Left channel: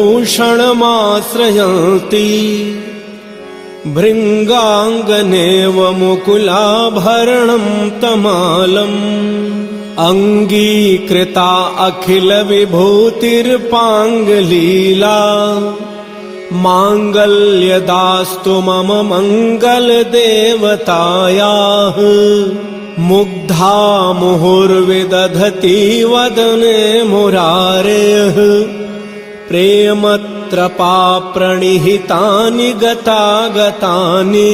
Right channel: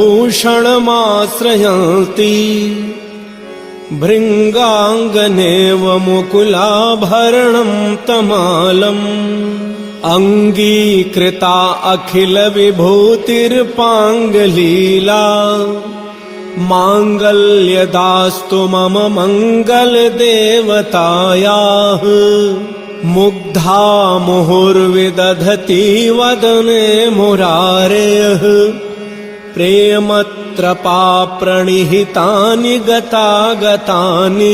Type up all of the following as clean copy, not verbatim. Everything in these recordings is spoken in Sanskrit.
भूषणमाश्रयन्ति भृङ्गाङ्गनेव मुकुलाभरणं तमालम् अङ्गीकृता अखिलविभूतिर्पाङ्गलीला माङ्गल्यदास्तु मम मङ्गलदेवतायाः मुग्धा मुहुर्विदधति वदने मुरारेः प्रेमत्रपाप्रणिहितानि गतागतानि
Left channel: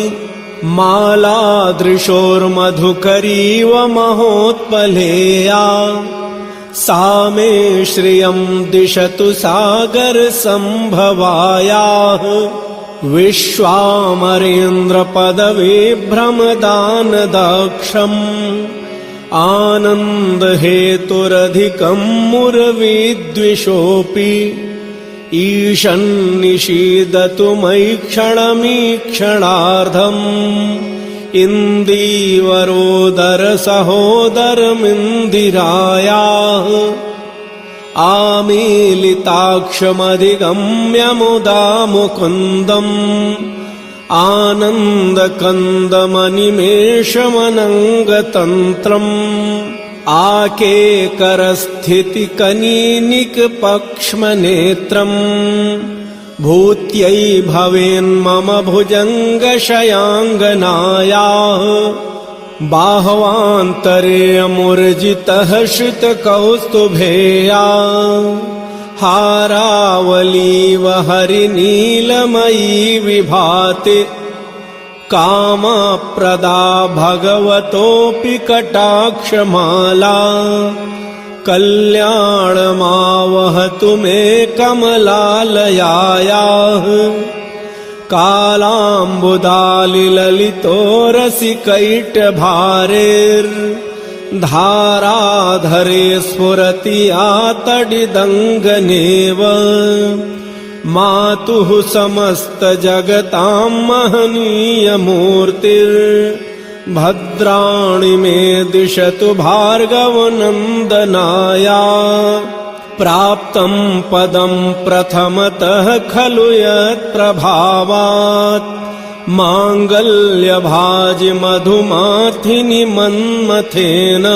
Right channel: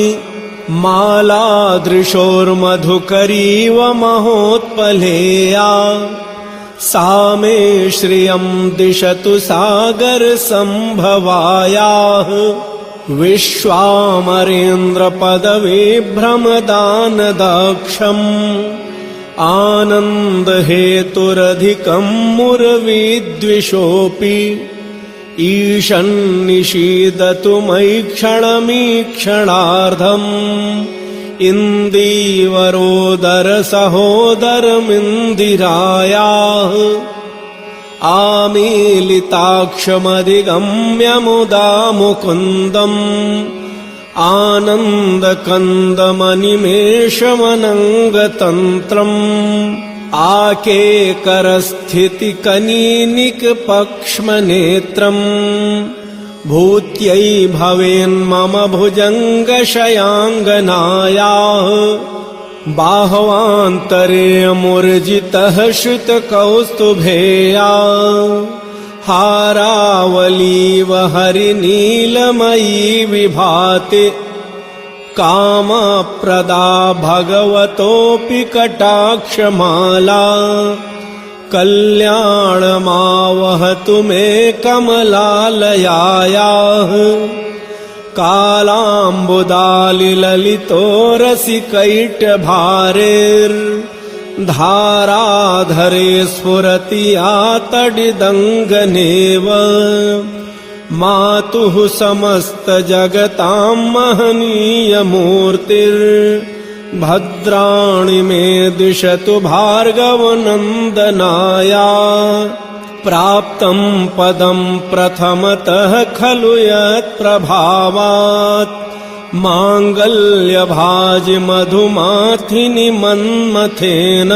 मालादृशोर्मधुकरीव महोत्पलेया सा मे श्रियं दिशतु सागरसम्भवायाः विश्वामरेन्द्रपदविभ्रमदानदाक्षम् आनन्दहेतुरधिकं मुरविद्विषोऽपि ईशन्निषीदतु मयि क्षणमीक्षणार्धम् इन्दीवरोदरसहोदरमिन्दिरायाः आमीलिताक्षमधिगम्य मुदा मुकुन्दम् आनन्दकन्दमनिमेषमनङ्गतन्त्रम् आकेकरस्थितिकनीनिकपक्ष्मनेत्रम् भूत्यै भवेन्मम भुजङ्गशयाङ्गनायाः बाह्वान्तरेऽमुर्जितः श्रितकौस्तुभेया हारावलीव हरिनीलमयी विभाति कामप्रदा भगवतोऽपि कटाक्षमाला कल्याणमावहतु मे कमलालयायाः कालाम्बुदालिललितोरसिकैटभारेर्धाराधरे स्फुरति या तडिदङ्गनेव मातुः समस्तजगतां महनीयमूर्तिर्भद्राणि मे दिशतु भार्गवनन्दनाया प्राप्तं पदं प्रथमतः खलु यत्प्रभावात् माङ्गल्यभाजिमधुमाथिनि मन्मथेन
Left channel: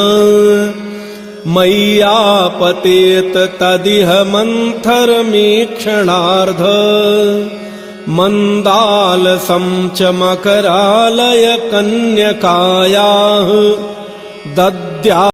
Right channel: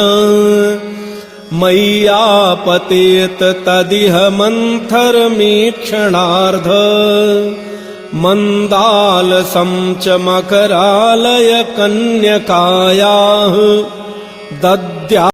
मय्यापतेत तदिह मन्थरमीक्षणार्थ मन्दालसं च मकरालय कन्यकायाः दद्या